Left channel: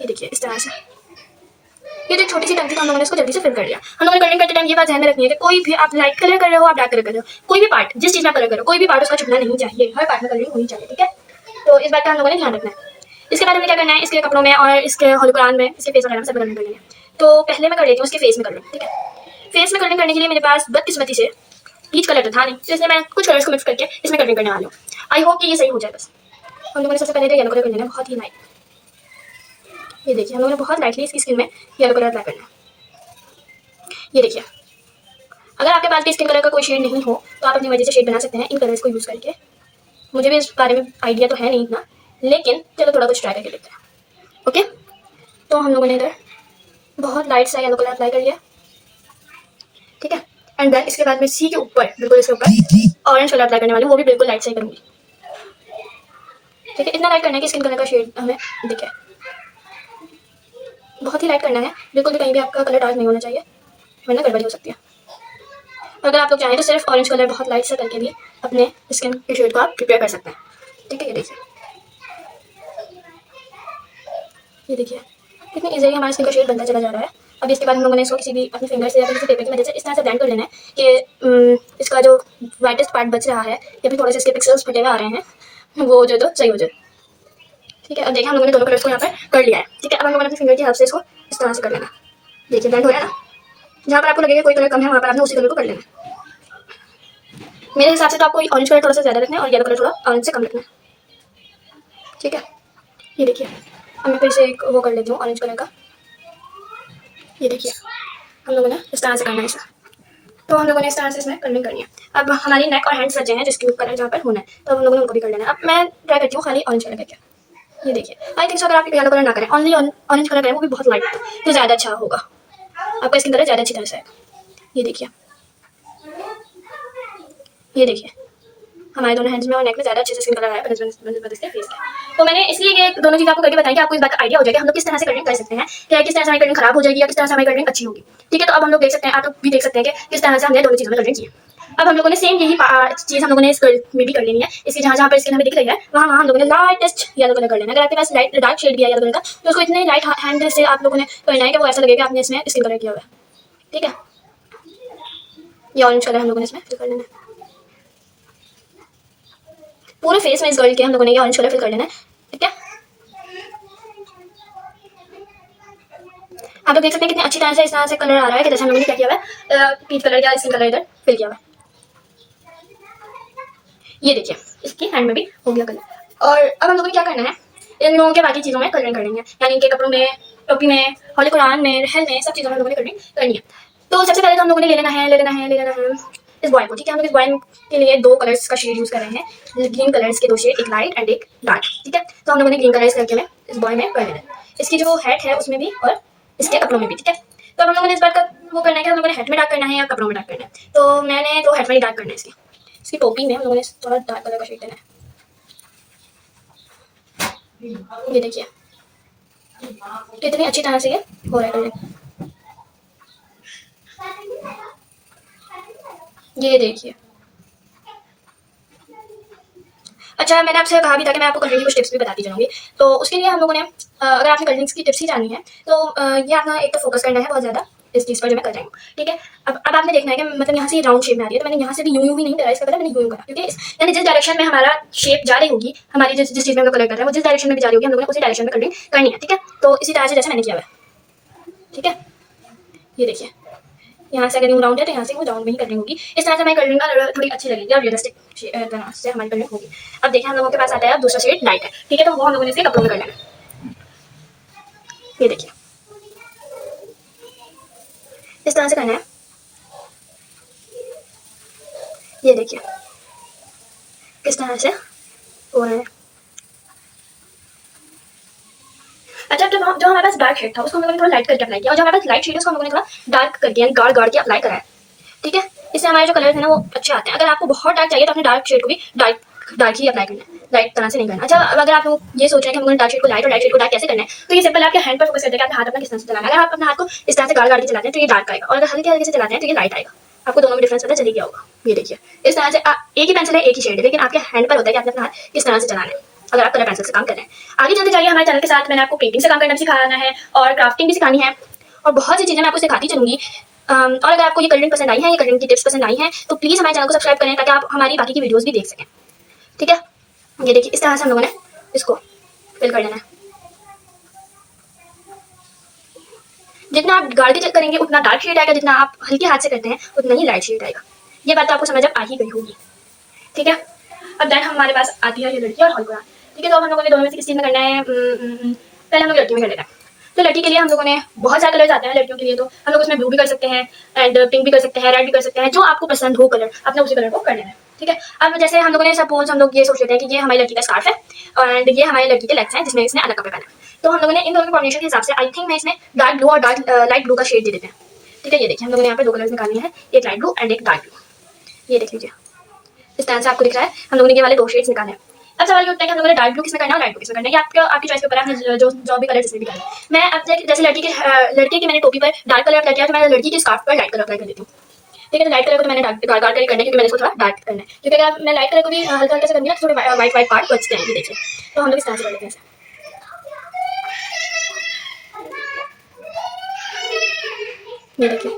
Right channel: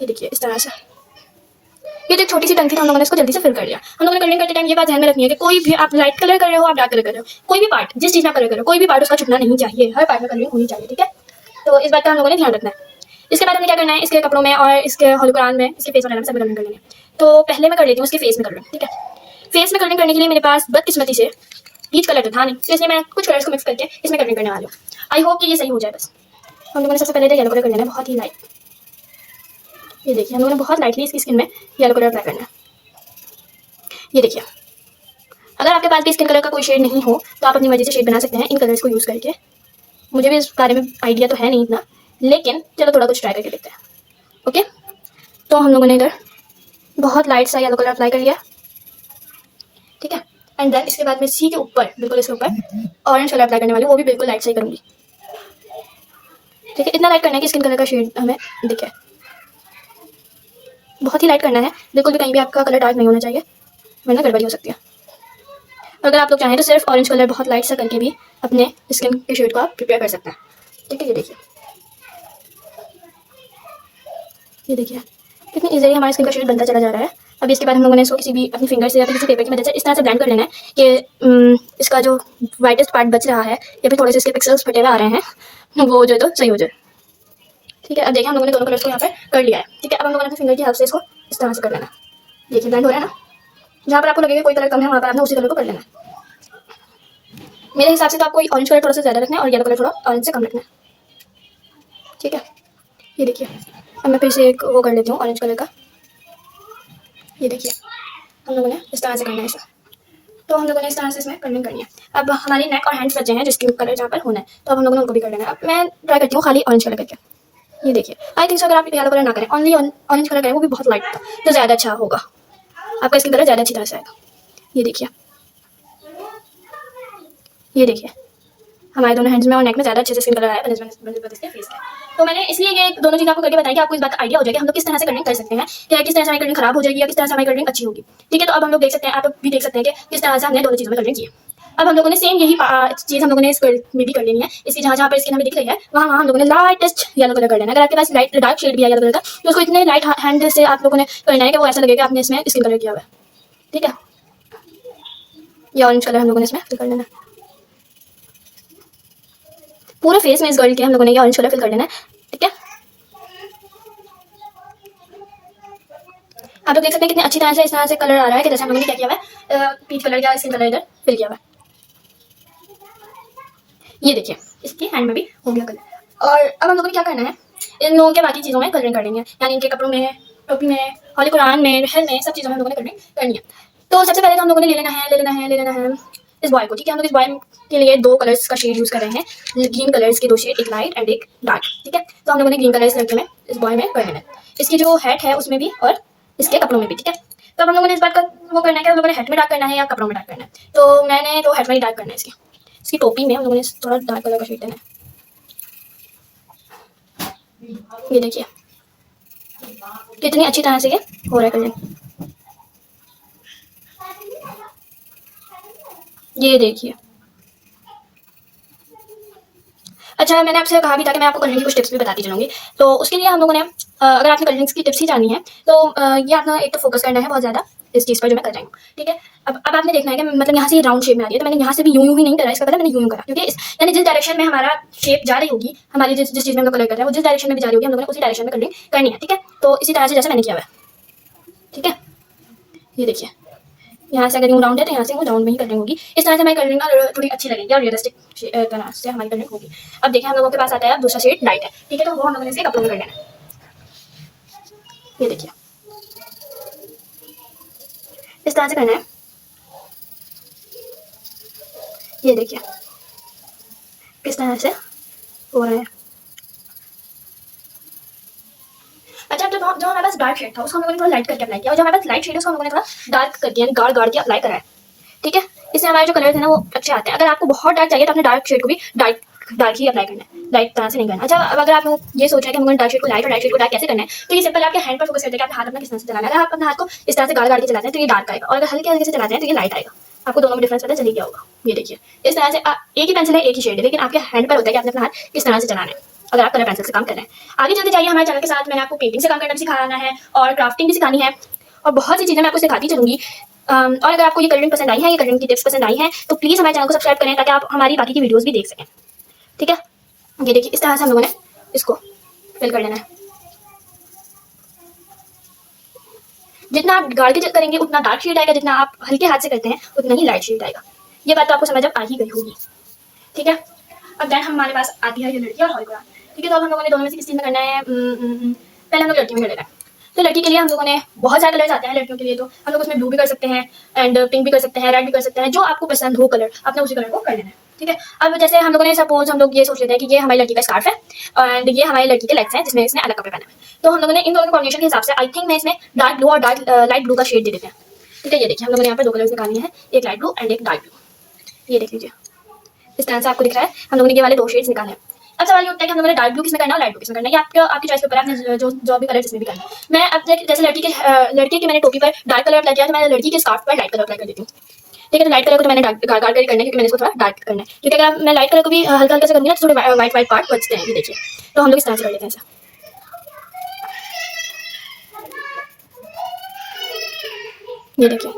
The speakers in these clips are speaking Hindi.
ये देखिए इस तरह से। ये जो छोटी सी टंकी थी हम लोगों ने इसको जल्दी से फिल कर दिया। हम लोगों ने कलरिंग करते टाइम ये बात ध्यान में रखनी है कि कोई भी आप लाइट कलर कर रहे हो, आप डार्क कलर कर रहे हो, कोई भी पार्ट जिस चीज़ में आप कलर कर रहे हो, कोई भी पार्ट उसका छुपना नहीं चाहिए, हर पार्ट में कलरिंग होनी चाहिए, ठीक है। तो इस बात का हम लोगों ने ध्यान रखना है। इसके बाद हमें क्या करना है, इसके कपड़ों में और इसके होलोग्राम में, इसके फेस वगैरह में सब कलरिंग कर लेंगे। तो पहले मैं कर लेती हूँ इसके फेस में कलरिंग, ठीक है। फेस में कलरिंग करने के लिए मेरे पास बदकिस्मती से पीच कलर तो था नहीं, तो इसलिए मैं कुछ कलर्स को मिक्स करके इसमें कलरिंग करने वाली हूँ। आई होप कि ये सही हो जाए। बस हम लोगों ने सबसे पहले तो येलो कलर कर लेना है, बहुत ही लाइट। ये देखिए हम लोगों ने बहुत लाइटली इसकी स्किन में येलो कलर अप्लाई करना है। ये देखिए, अगर आपके पास भी स्किन कलर का कोई शेड नहीं हो तो आप अपनी मर्जी से शेड बना सकते हैं इन कलर्स को यूज़ करके। मुझे भी इस बारे में आइडिया तो है नहीं इतना, लेकिन चलो थोड़ा कुछ ट्राई करके देखते हैं। ओके, तो हम लोगों ने इधर बहुत लाइट सा येलो कलर अप्लाई कर लिया, ठीक है। एंड देन इसके बाद मैं सी के ऊपर, बिल्कुल इसके ऊपर ऑरेंज कलर अप्लाई करने वाली हूँ, वो भी बिल्कुल लाइट सा ही करूँगी, ठीक है। इतना लाइट करना है कि स्किन कलर का शेड हमें दिखे, बहुत ही लाइट करना है, बिल्कुल भी कहीं भी आपका कलर डार्क नहीं होना चाहिए, वरना गड़बड़ी हो सकती है। अगर आप लोग चाहें तो सिर्फ ऑरेंज कलर बहुत लाइट सा करके भी अपने स्किन के शेड को आप प्रिपेयर कर सकते हैं, ठीक है। ये देखिए कितनी इजीली हमारा स्किन का शेड बनता चला जा रहा है। अभी इसके बाद हम लोगों ने इसको किसी भी अपनी फिंगर से या फिर किसी पेपर की मदद से इस तरह से ब्लेंड कर लेना है कि इसका जो वाइटेस्ट पार्ट बच रहा है या फिर थोड़े से इसके पिक्सल्स फटे हुए आ रहे हैं वो जो तो सही हो जाए, ठीक है। अब देखिए हम लोगों ने दोनों कलर्स को यहाँ पे कर लिया है, ठीक है। अब हम लोगों ने अपनी फिंगर की हेल्प से इसको इस तरह से कर लेना। देखिए ब्लेंड हो रहा है ना, जहाँ पर आपको लगेगा कोई कलर कम है वहाँ पर आपने उसी कलर को कर लेना है। मेरे हिसाब से तो आपको ऑरेंज कलर थोड़ा सा ज़्यादा रखना है और येलो कलर थोड़ा ऑरेंज से कम रखना है, ठीक है। ये देखिए अब मैं फिर से एक वो कर लेती हूँ ऑरेंज कलर का। ये देखिए हम लोगों ने इस तरह से करना है ऐसा, तो हम लोगों ने इस तरह से इसमें कलरिंग करनी है। अब हमारी नेक और हैंड्स बचे हैं जिसकी कलर जहाँ पर होना है, तो अब हम लोगों ने उनको भी कर लेना है। अब मैं ट्राई करती हूँ खाली ऑरेंज कलर करके। ये देखिए आई थिंक सो अगर आप येलो कलर ना करें, ओनली ऑरेंज कलर करें, वो भी बहुत लाइट तो ज़्यादा अच्छा होगा, आपका स्किन कलर ज़्यादा अच्छी तरह से आएगा। ये देखिए, ये देखिए हमारे दोनों हैंड्स में और नेक में ज़्यादा अच्छे से स्किन कलर आया बनस्पत इसके फेस का। तो मैंने इसलिए ये दोनों चीज़ आपको करके बताई कि आपको इस बात का आइडिया हो जाएगा हम लोग किस तरह से कलरिंग कर सकते हैं, कि किस तरह से हमारी कलरिंग खराब हो जाएगी या किस तरह से हमारी कलरिंग अच्छी होगी, ठीक है। तो अब हम लोग देख सकते हैं, आप लोग भी देख सकते हैं कि किस तरह से हमने दोनों चीज़ों में कलरिंग की। अब हम लोगों ने सेम यही चीज़ हम लोगों ने इस में भी कर लेनी है। इसकी जहाँ जहाँ पर स्किन हमें दिख रही है वहाँ वहाँ हम लोगों ने लाइटेस्ट येलो कलर कर लेना है। अगर आपके पास लाइट डार्क शेड भी है येलो कलर का तो उसको इतने लाइट हैंड से आप लोगों ने करना है कि वो ऐसा लगेगा आपने इसमें स्किन कलर किया हुआ है, ठीक है। ये ऑरेंज कलर हम लोगों ने इसमें फिल कर लेना है पूरे फेस में। इस गर्ल के हम लोगों ने ये ऑरेंज कलर फिल कर लेना है, ठीक है। आप लोग देख सकते हैं कितनी अच्छी तरह से इस तरह से कलर आ रहा है कि जैसे हम लोगों ने क्या किया हुआ है, पीच कलर या स्किन कलर इधर फिल किया हुआ है। ये देखिए इसकी हैंड में भी हो गया कलर। और अब हम लोगों ने क्या करना है, इन लोगों के बाकी चीज़ों में कलरिंग करेंगे, यानी इनके कपड़ों में, टोपी में, होली कुरान में, रहल में, सब चीज़ों में हम लोगों ने कलरिंग करनी है। तो सबसे पहले तो हम लोगों ने ले लेना है इस बॉय को, ठीक है। हम लोग इस बॉय के लिए दो कलर्स का शेड यूज़ कर रहे हैं, ग्रीन कलर्स के दो शेड, एक लाइट एंड एक डार्क, ठीक है। तो हम लोगों ने ग्रीन कलर इस लड़के में इस बॉय में कर लेना है, इसकी जो हेड है उसमें भी और इसके कपड़ों में भी, ठीक है। तो हम लोगों ने इस बात का वो करना है कि हम लोगों ने हेड में डार्क करना है या कपड़ों में डार्क करना है। तो मैंने तो हेड में ही डार्क करना है। इसकी टोपी में हम लोगों ने थोड़ा डार्क कलर का शेड देना है। ये देखिए कितनी अच्छी तरह से ये हो रहा है कलरिंग। ये देखिए, अच्छा मैंने आपसे कहा भी था कि मैं आपको कलरिंग की कुछ टिप्स भी बताती चलूँगी। तो उसके लिए हम लोगों ने अगर आपने कलरिंग्स की टिप्स ही जानी है तो ये आपने एक तो फोकस करना है बहुत ज़्यादा इस चीज़ पर जो मैं कर रही हूँ, ठीक है। अब आपने देखना है कि मतलब यहाँ से राउंड शेप में आ रही है, तो मैंने यहाँ से भी यूं ही नहीं करा, इसका पता मैंने यूं करा, क्योंकि यानी जिस डायरेक्शन में हमारा शेप जा रही होगी, हमारी जिस चीज़ में हम लोग कलर कर रहे हैं वो जिस डायरेक्शन में भी जा रही होगी हम लोगों ने उसी डायरेक्शन में कलरिंग करनी है, ठीक है। तो इसी तरह से जैसे मैंने किया हुआ है, ठीक है। ये देखिए यहाँ से अगर यूँ राउंड है तो यहाँ से वो राउंड में ही कलरिंग होगी। इस तरह से हमारी कलरिंग ना थोड़ी अच्छी लगेगी और रियलिस्टिक तरह से हमारी कलरिंग होगी। अब देखिए हम लोगों के पास आता है अब दूसरा शेड लाइट है, ठीक है। तो वो हम लोगों ने इसके कपड़ों में कर लेना है। ये देखिए इस तरह से करना है। ये देखिए किस तरह से हो रहा है। अच्छा तो जो हमारे पास डार्क शेड था उसको हम लोगों ने थोड़ा लाइट करके अप्लाई किया, और जो हमारे पास लाइट शेड है उसको हम लोगों ने थोड़ा डार्क करके यानी गाढ़ गाढ़ के अप्लाई करा है, ठीक है। इससे हमारे जो कलर है ना वो अच्छे आते हैं। अगर आपको बहुत डार्क चाहिए तो अपने डार्क शेड को भी डार्क ही अप्लाई करना है, लाइट तरह से नहीं करना। अच्छा अगर आप लोग ये सोच रहे हैं कि हम लोगों ने डार्क शेड को लाइट और लाइट शेड को डार्क कैसे करना है, तो ये सिंपल आपके हैंड पर फोकस करते हैं कि आपका हाथ अपना किस तरह से चलाना है। अगर आप अपने हाथ को इस तरह से गाढ़ गाढ़ के चलाते हैं तो ये डार्क आएगा, और अगर हल्के हल्के से चलाते हैं तो ये लाइट आएगा। आपको दोनों में डिफरेंस पता चल गया होगा। ये देखिए इस तरह से एक ही पेंसिल है एक ही शेड है, लेकिन आपके हैंड पर होता है कि आपने अपना हाथ किस तरह से चलाना है। अगर आप कलर पेंसिल से काम कर रहे हैं। आगे चलते जाइए हमारे चैनल के साथ, मैंने आपको पेंटिंग से काम करना भी सिखाना है और क्राफ्टिंग भी सिखानी है और बहुत सी चीज़ें मैं आपको सिखाती चलूँगी। और अगर आपको ये कलरिंग पसंद आई है, ये कलरिंग की टिप्स पसंद आई हैं, तो प्लीज़ हमारे चैनल को सब्सक्राइब करें ताकि आप हमारी बाकी की वीडियोज़ भी देख सकें। ठीक है, ये देखिए इस तरह से हम लोगों ने इसको फिल कर लेना है। जितना आप गाढ़ के करेंगे उतना डार्क शेड आएगा, जितना आप हल्के हाथ से करते हैं उतना ही लाइट शेड आएगा। ये बात तो आपको समझ आ ही गई होगी। ठीक है, अब देन हमारे पास आती है ये लड़की और हॉलीवुड। ठीक है, तो अब हम लोगों ने दोनों में से किस चीज़ में करना है? पहले हम लोग लड़की में कर लेते हैं। तो लड़की के लिए हम लोगों ने बहुत सारे कलर्स आते हैं लड़कियों के लिए, तो हम लोग उसमें ब्लू भी कर सकते हैं एंड पिंक भी कर सकते हैं, रेड भी कर सकते हैं, जो आपको पसंद हो कलर अपने उसी कलर को कर लेना है। ठीक है, अब जैसे हम लोगों ने सपोज हम लोग ये सोच लेते हैं कि ये हमारी लड़की का स्कार्फ है एंड ये हमारी लड़की के लेग्स हैं जिसमें इसने अलग कपड़े पहने हैं। तो हम लोगों ने इन दोनों के कॉम्बिनेशन के हिसाब से आई थिंक मैं इसमें डार्क ब्लू और डार्क लाइट ब्लू का शेड दे देते हैं। ठीक है, ये देखिए हम लोगों ने यहाँ पर दो कलर्स निकालने हैं, एक लाइट ब्लू एंड एक डार्क ब्लू। ये देख लीजिए इस तरह से आपको दिख रहा है, हम लोगों ने ये वाले दो शेड्स निकाले हैं। अब सवाल ये उठता है कि हम लोगों ने डार्क ब्लू किसमें करना है और लाइट ब्लू किसमें करना है, ये आपकी चॉइस के ऊपर है, आपने जो भी कलर जिसमें भी करना है। मैं अब जैसे लड़की की मैंने टोपी पर डार्क कलर अप्लाई किया, तो मैं लड़की के स्कार्फ पर लाइट कलर अप्लाई कर देती हूँ। ठीक है, तो लाइट कलर को तो मैंने डार्क कलर करना है क्योंकि मैंने इसको थोड़ा डार्क करना है, क्योंकि अगर मैं लाइट कलर को भी हल्का हल्का से करूँगी ना तो थोड़े वाइट वाइट पार्ट बचते हैं। ये देखिए, तो हम लोग इस तरह से कर लेते हैं ऐसा। ये देखिए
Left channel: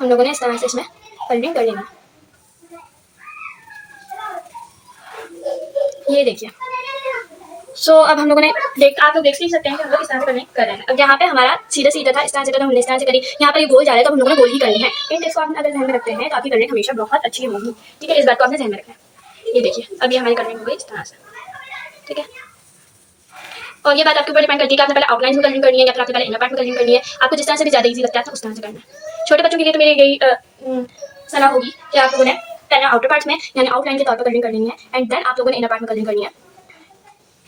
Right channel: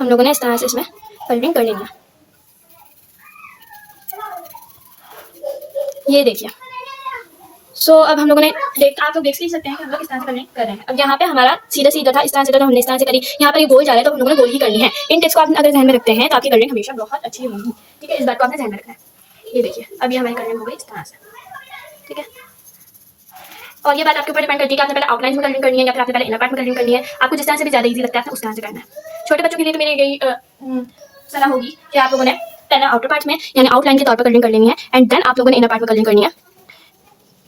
हम लोगों ने इस तरह से इसमें कलरिंग कर लेना है। ये देखिए अब हम लोगों ने आप लोग देख सकते हैं कि हम लोग इस तरह से कलरिंग कर रहे हैं। अब यहाँ पे हमारा सीधा सीधा था, इस तरह से तो हमने इस तरह से करी, यहाँ पर ये गोल जा रहा है तो हम लोगों ने गोल ही करनी है। इन टिप्स को आप अगर ध्यान में रखते हैं तो आपकी कलरिंग हमेशा बहुत अच्छी होगी। ठीक है, इस बात को आपने ध्यान में रखना है। ये देखिए अब ये हमारी कलरिंग हो गई इस तरह से। ठीक है, और ये बात आपके ऊपर डिपेंड करती है कि आपने पहले आउटलाइन में कलरिंग करनी है या फिर आपने पहले इनर पार्ट में कलरिंग करनी है। आपको जिस तरह से भी ज़्यादा ईजी लगता है उस तरह से करना है। छोटे बच्चों के लिए तो मेरी यही सलाह होगी कि आप लोगों ने पहले आउटर पार्ट में यानी आउटलाइन के तौर पर कलरिंग कर लेनी है एंड देन आप लोगों ने इनर पार्ट में कलरिंग करनी है।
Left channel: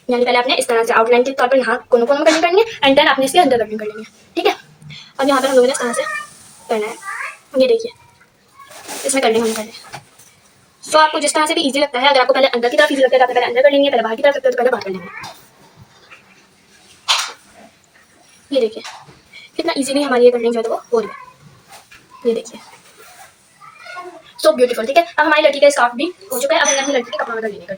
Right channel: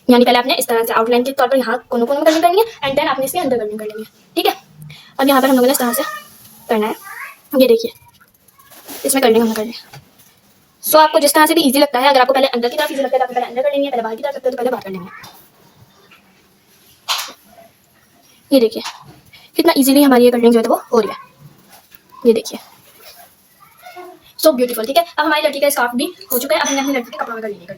यानी पहले आपने इस तरह से आउटलाइन के तौर पर यहाँ कोनों कोनों में कलरिंग करनी है एंड देन आपने इसके अंदर कलरिंग कर लेनी है। ठीक है, अब यहाँ पर हम लोगों ने इस तरह से करना है। ये देखिए इसमें कलरिंग होने कर आपको जिस तरह से भी इजी लगता है, अगर आपको पहले अंदर की तरफ इजी लगता है तो आपने पहले अंदर कर लेंगे, पहले बाहर की तरफ लगता है तो पहले बाहर कर लेंगे। ये देखिए कितना इजीली हमारी ये कलरिंग जो है तो वो हो रही है। ये देखिए सो ब्यूटीफुल। ठीक है, अब हमारी लड़की का स्कार्फ भी हो चुका है। अब हमने अपनी लड़की के कपड़ों में कर लेंगे।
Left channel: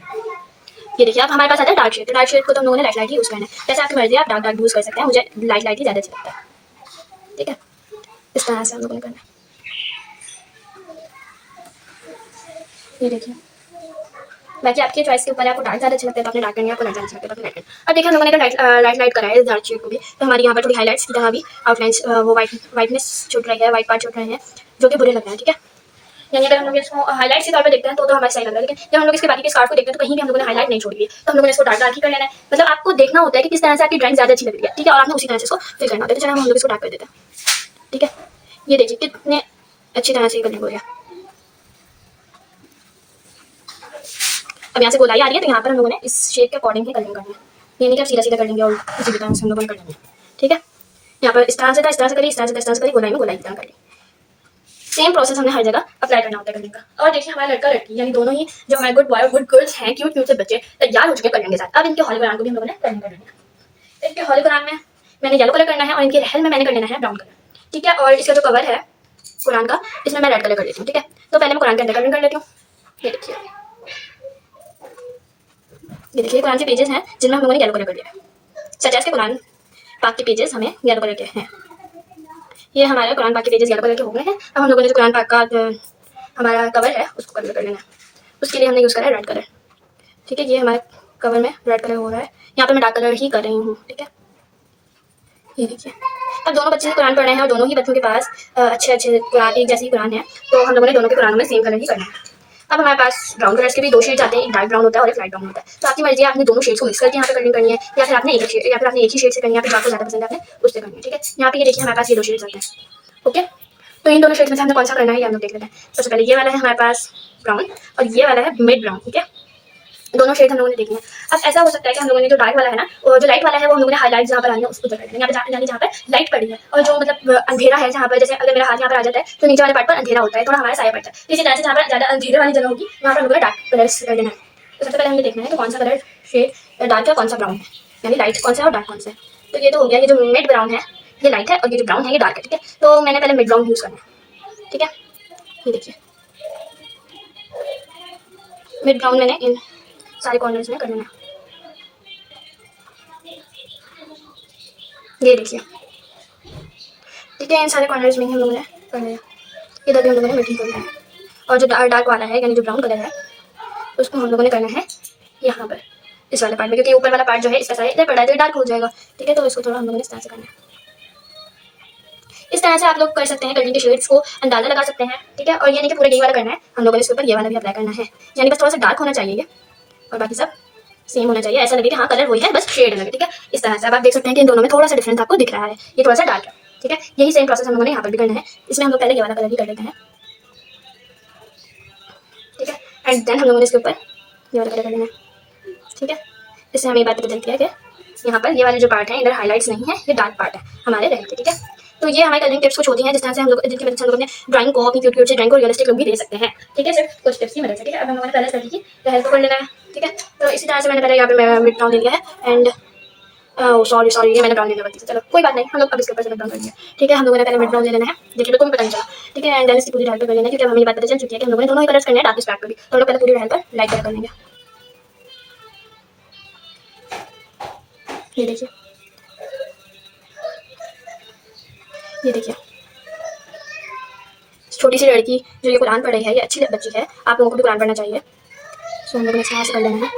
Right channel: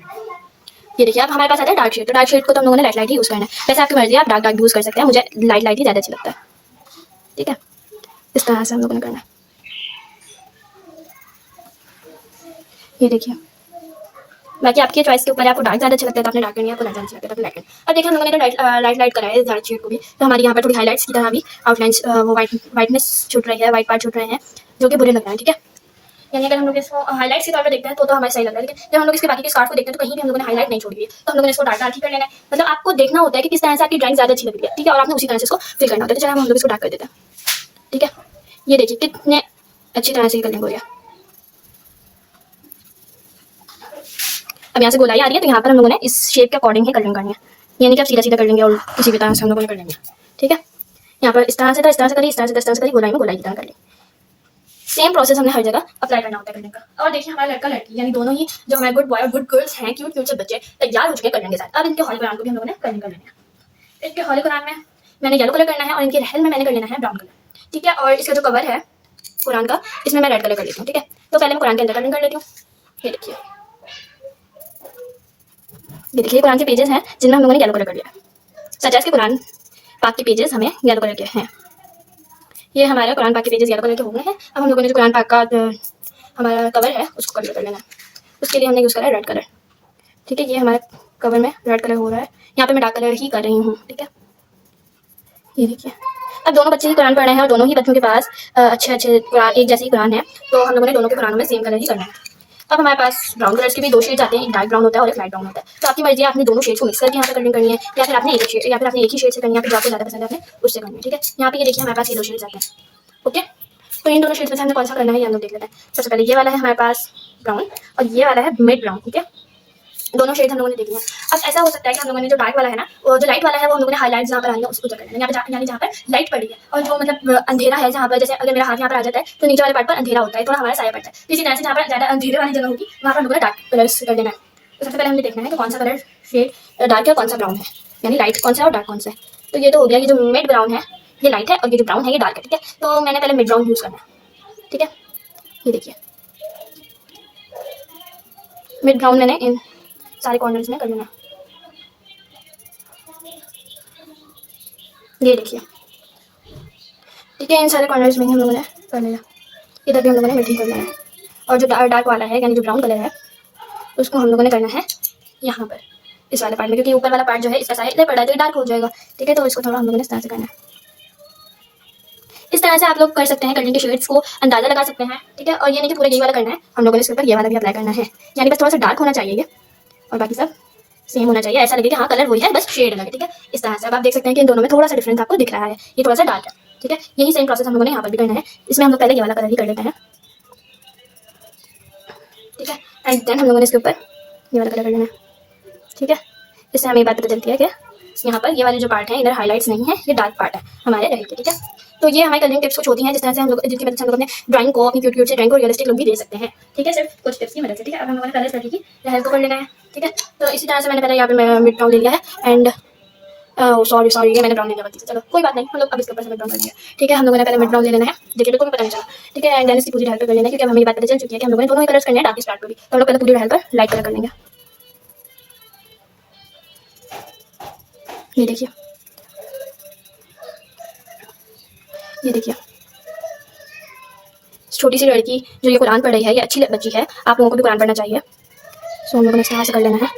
ये देखिए अब हमारे पास आता है डार्क शेड, तो डार्क शेड को तो हम लोगों ने लाइट ही यूज़ करना है। वैसे आपकी मर्जी है, आप डार्क डार्क यूज़ कर सकते हैं, मुझे लाइट ही ज़्यादा अच्छा लगता है। ठीक है, इस तरह से हम लोगों ने करना है। ये देखिए बाकी आपकी चॉइस के ऊपर है, आपको डार्क ज़्यादा अच्छा लगता है तो आपने डार्क करनी है, आपको लाइट ज़्यादा अच्छा लगता है तो आपने लाइट करनी। अब देखिए हम लोगों ने तो लाइट करा है डार्क शेड को भी, तो हमारी यहाँ पर थोड़ी हाईलाइट्स की तरह भी आउटलाइंस वो वाइटनेस छूट रही है, वाइट पार्ट छूट रहे हैं जो कि बुरे लग रहे हैं। ठीक है, यानी अगर हम लोग इसको हाईलाइट्स के तौर पे देखते हैं तो हमें सही लग रहा है, लेकिन जब हम लोग इसके बाकी के स्कार्फ को देखते हैं तो कहीं भी हम लोगों ने हाईलाइट नहीं छोड़ी है, तो हम लोगों ने इसको डार्क डार्क ही कर लेना है। मतलब आपको देखना होता है कि किस तरह से आपकी ड्राइंग ज़्यादा अच्छी लग रही है। ठीक है, और आपने उसी तरह से इसको फिल करना होता है, तो चलो हम लोग इसको डार्क कर देते हैं। ठीक है, ये देखिए कितने अच्छी तरह से ये कलरिंग हो रही है। अब यहाँ से गोलाई आ रही है तो यहाँ पर हम लोगों ने इस शेप के अकॉर्डिंग ही कलरिंग करनी है, यानी कि आप सीधा सीधा कर लेंगे और किसी भी तरह से हम लोगों ने कर लेंगे। ठीक है, यहाँ पर इस तरह से था, इस तरह से करी, इस तरह से इस तरह से करी, गोलाई में गोलाई की तरह कर ली। सेम प्रोसेस हमने हर जगह अप्लाई करना होता है कलरिंग का। और देखिए हमारा लड़का लड़की यानी दोनों ही जो हमारे गुड बॉय और गुड गर्ल्स हैं, क्यूट क्यूट से बच्चे तैयार हो चुके हैं कलरिंग के साथ। अब इनके हॉली कुरान को भी हम लोगों ने कलरिंग कर लेना है। इनके हॉली कुरान में मैंने येलो कलर करना है और इनके रहल में मैंने कर लेना है ब्राउन कलर। ठीक है, और इसका जो कवर है कुरान का इसमें मैं रेड कलर कर देती हूँ। ठीक है, तो पहले मैं कुरान के अंदर कलरिंग कर लेती हूँ। ये देखिए कुरान के पेजेस हैं जिनमें हम लोगों ने येलो कलर कर लिया है। सजाज के कुरान पाक के पेजेस हमें येलो कलर के हैं। ये हमारा कुरान पाक के पेजेस येलो कलर के हो गए हैं। अब हम लोगों ने जो कुरान पाक का हमारा कवर है उसको कलर कर लेना है। उसके लिए हमने यूज़ करा है रेड कलर। ठीक है, ये हमारे कवर में रेड कलर हो रहा है, यहाँ पे मैं डार्क कलर ही कर रही हूँ। ठीक है, ये देखिए अब दोनों बच्चे कुरान पढ़ रहे हैं और दोनों ही बच्चों के पास अच्छे एक जैसे ही कुरान है, तो हम लोगों ने दोनों के कुरानों में सेम कलर ही करना है। अब हमारे पास ब्राउन कलर्स के भी दो शेड्स आते हैं, एक डार्क ब्राउन होता है और एक लाइट ब्राउन होता है। तो आपकी मर्जी है, आपने दोनों शेड्स को मिक्स करके यहाँ पे कलरिंग करनी है या फिर आपने एक ही शेड से करनी है, या फिर जो आपको ज़्यादा पसंद है आपने उससे करनी है। ठीक है, यहाँ पे ये देखिए हमारे पास ये दो शेड्स आते हैं। ओके, तो इन दोनों शेड्स में से हमने कौन सा करना है ये हम लोग देख लेते हैं। सबसे पहले ये वाला है हमारे पास ब्राउन और ये वाला है मिड ब्राउन। ठीक है, दोनों शेड हम लोगों ने देखी है। अब ऐसा हो सकता है कि हम लोगों ने जो डार्क वाला है ना, जो लाइट वाला है वो हम लोगों ने हाईलाइट जहाँ पर आनी है उसको कर देना, यानी जहाँ पर लाइट पड़ी है और जो मतलब अंधेरा है जहाँ पर, जैसे अगर मेरा हाथ यहाँ पर आ जाता है तो नीचे वाले पार्ट पर अंधेरा होता है, थोड़ा हमारा साया पड़ता है। इसी तरह से जहाँ पर ज़्यादा अंधेरे वाली जगह होगी वहाँ पर हम लोगों ने डार्क कलर्स कर देना है। तो सबसे पहले हमें देखना है तो कौन सा कलर शेड डार्क है, कौन सा ब्राउन है, यानी लाइट कौन सा है और डार्क कौन सा है। तो ये तो हो गया, ये जो मिड ब्राउन है ये लाइट है और ये जो ब्राउन है ये डार्क है। ठीक है, तो मैंने पहले मिड ब्राउन यूज़ करना है। ठीक है, ये देखिए मिड ब्राउन मैंने सारे कॉर्नर्स में कर लेना है। ये देखिए, ठीक है, इन सारे कॉर्नर्स में ही हम लोगों ने कर लिया। इधर भी हम लोगों ने मिडिल करना है, और जो डार्क वाला है यानी जो ब्राउन कलर है उसको हम लोगों ने करना है यहाँ पर इस वाले पार्ट में, क्योंकि ऊपर वाला पार्ट जो है इसका साइड इधर पड़ा है तो डार्क हो जाएगा। ठीक है, तो इसको थोड़ा हम लोगों ने इस तरह से करना है। इस तरह से आप लोग कर सकते हैं, कलरिंग के शेड्स को अंदाजा लगा सकते हैं। ठीक है, और ये नहीं कि पूरा यही वाला करना है, हम लोगों ने इसके ऊपर ये वाला भी अप्लाई करना है, यानी बस थोड़ा सा डार्क होना चाहिए ये, और बाकी सब सेम होना चाहिए, ऐसा लगे कि हाँ कलर वही है बस शेड अलग है। ठीक है, इस तरह से अब आप देख सकते हैं कि इन दोनों में थोड़ा सा डिफरेंस आपको दिख रहा है, ये थोड़ा सा डार्क है। ठीक है, यही सेम प्रोसेस हम लोगों ने यहाँ पर भी करना है। इसमें हम लोग पहले ये वाला कलर ही कर लेते हैं। ठीक है, एंड देन हम लोगों ने इसके ऊपर ये वाला कलर कर लेना है। ठीक है, इससे हमें ये बात पता चलती है कि यहाँ पर ये वाले जो पार्ट है इधर हाईलाइट्स नहीं है, ये डार्क पार्ट है हमारे रेड के। ठीक है, तो ये हमारे कलरिंग टिप्स कुछ होती हैं जिस तरह से हम लोग, जिनकी मदद से हम लोग अपने ड्राइंग को, अपनी क्यूट क्यूट से ड्राइंग को रियलिस्टिक लुक भी दे सकते हैं। ठीक है, सिर्फ कुछ टिप्स की मदद से। ठीक है, अब हम लोगों ने पहले लड़की की लहर को कर लेना है। ठीक है, तो इसी तरह से मैंने पहले यहाँ पे मिड टोन ले लिया है, एंड सॉरी ये मैंने ब्राउन लेने गलती से, चलो कोई बात नहीं, हम लोग अब इसके ऊपर से मिड ब्राउन करेंगे। ठीक है, हम लोगों ने पहले मिड ब्राउन ले लेना है, देखिए बिल्कुल भी पता नहीं चला। ठीक है, एंड देन इसकी पूरी लहर पर कर लेना है, क्योंकि अब हमें ये बात पता चल चुकी है कि हम लोगों ने दोनों ही कलर्स करने हैं डार्क स्पैट पर भी, तो हम लोग पहले पूरी लहर पर लाइट कलर कर लेंगे। ये देखिए, ये देखिए, छोटी सी लड़की जो ये कुरान पढ़ रही है, ये अच्छी बच्ची है, आप लोगों को भी कुरान पढ़ना चाहिए। सो हम लोगों ने इस तरह से कर लेना है।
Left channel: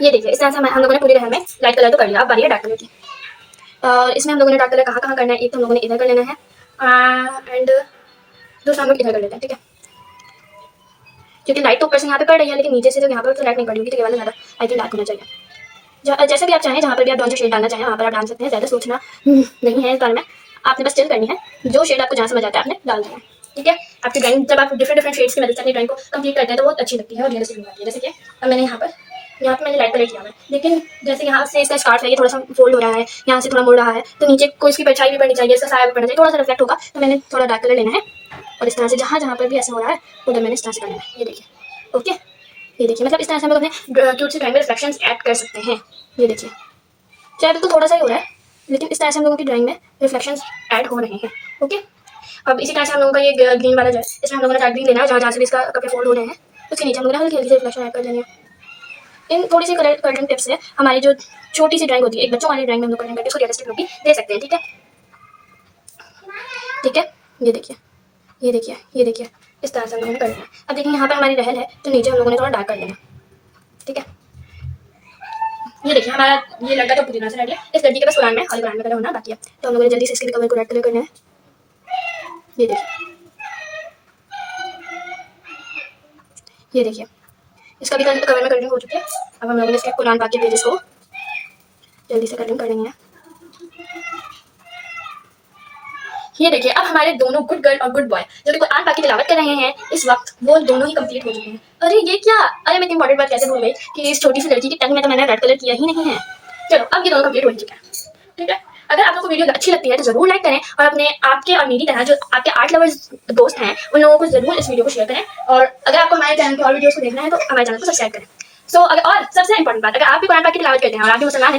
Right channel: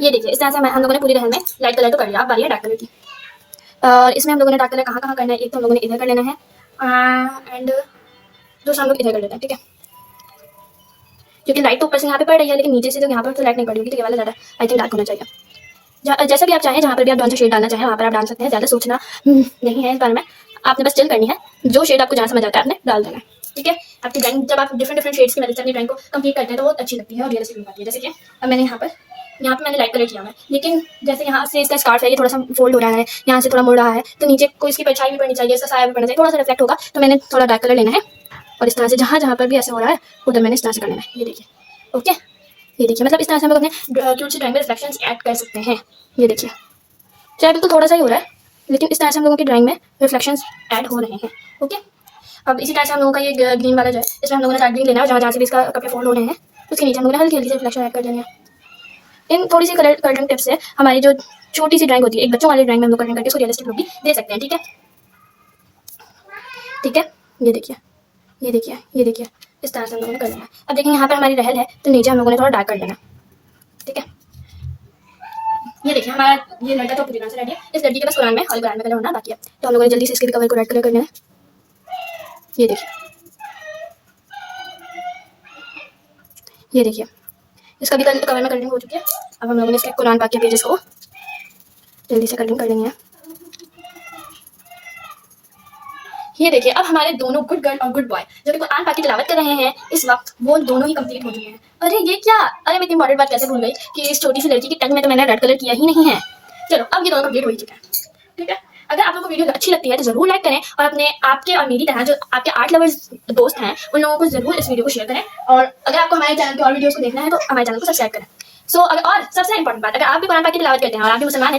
ये देखिए, इस तरह से हम लोगों ने पूरी लहर में लाइट कलर तो कर लिया, अब बारी है डार्क कलर की। और इसमें हम लोगों ने डार्क कलर कहाँ कहाँ करना है, एक तो हम लोगों ने इधर कर लेना है, एंड दूसरा हम लोग इधर कर लेते हैं। ठीक है, क्योंकि लाइट तो ऊपर से यहाँ पे पड़ रही है, लेकिन नीचे से तो यहाँ पर तो लाइट नहीं पड़ी होगी, तो ये वाला ज़्यादा आई थिंक डार्क होना चाहिए। जैसे भी आप चाहें, जहाँ पर भी आप जौन सा शेड डालना चाहें वहाँ पर आप डाल सकते हैं, ज़्यादा सोचना नहीं है इस बारे में, आपने बस चिल करनी है, जो शेड आपको जहाँ समझ आता है आपने डाल देना है। ठीक है, आपकी ड्राइंग जब आप डिफरेंट शेड्स की मदद से अपनी ड्राइंग को कंप्लीट करते हैं तो बहुत अच्छी लगती है और रियलिस्टिक लुक आती है। जैसे कि अब मैंने यहाँ पे मैंने लाइट कलर किया है, लेकिन जैसे यहाँ से इसका स्कार्फ है, ये थोड़ा सा फोल्ड हो रहा है, यहाँ से थोड़ा मुड़ रहा है, तो नीचे को इसकी परछाई भी पड़नी चाहिए, इसका साया भी पड़ना चाहिए, थोड़ा सा रिफ्लेक्ट होगा, तो मैंने थोड़ा डार्क कलर लेना है, और इस तरह से जहाँ जहाँ पर भी ऐसा हो रहा है उधर मैंने इस तरह से करना है। ये देखिए, ओके, ये देखिए, मतलब इस तरह से हम लोग अपने क्यूट से ड्राइंग में रिफ्लेक्शंस ऐड कर सकते हैं। ये देखिए, चाहे बिल्कुल थोड़ा सा ही हो रहा है, लेकिन इस तरह से हम लोगों की ड्राइंग में रिफ्लेक्शंस ऐड हो रहे हैं। ओके, अब इसी तरह से हम लोगों का ये ग्रीन वाला जो है, इसमें हम लोगों ने डार्क ग्रीन लेना है, जहाँ जहाँ से भी इसका कपड़े फोल्ड हो रहे हैं उसके नीचे हम लोगों ने हल्की हल्की से रिफ्लेक्शन ऐड कर लेनी है। इन थोड़ी सी कलरिंग टिप्स से हमारी जो छोटी सी ड्राइंग होती है, एक बच्चों वाली ड्राइंग में हम लोग कलरिंग करके उसको रियलिस्टिक लुक भी दे सकते हैं। ठीक है, ठीक है, ये देखिए, ये देखिए, ये देखिए, इस तरह से हम लोगों ने कर लेना है। अब देखिए यहाँ पे हमारी रहल है, तो नीचे हम लोगों ने थोड़ा डार्क कर देना। ठीक है, ये देखिए, हमारा ये लड़का तो पूरी तरह से रेडी है, इस लड़की के पास कुरान में और कुरान में कलर होना बाकी है, तो हम लोगों ने जल्दी से इसके भी कवर को रेड कलर करना है। ये देखिए, ये देखिए, इसका भी कवर में कलरिंग हो चुकी है। अब हम लोगों ने इसके कुरान पाक के पेजेस को जल्दी से कलरिंग कर लेंगे। ये देखिए, अब हमारे दोनों गुड गर्ल और गुड बॉय जो कि कुरान पाक की तिलावत कर रहे हैं इस वक्त, वो दोनों ही कंप्लीट हो चुके हैं। अरे ये क्या, अरे मैं इतनी इंपॉर्टेंट बात कैसे भूल गई कि इस छोटी सी लड़की की टंग में तो मैंने रेड कलर किया ही नहीं है। चलो, अब ये दोनों कंप्लीट हो चुके हैं। ठीक है, अगर आप लोगों को वीडियो अच्छी लगती है तो जरूर लाइक करें, और अपने आपके और मेरी तरह जो आपके आर्ट लवर्स दोस्त हैं उन लोगों को जरूर इस वीडियो को शेयर करें, और अगर आपको हमारे चैनल की और वीडियोस को देखना है तो हमारे चैनल को सब्सक्राइब करें। और सबसे इंपॉर्टेंट बात, अगर आप भी कुरान पाक की तिलावत करते हैं और आप भी मुसलमान हैं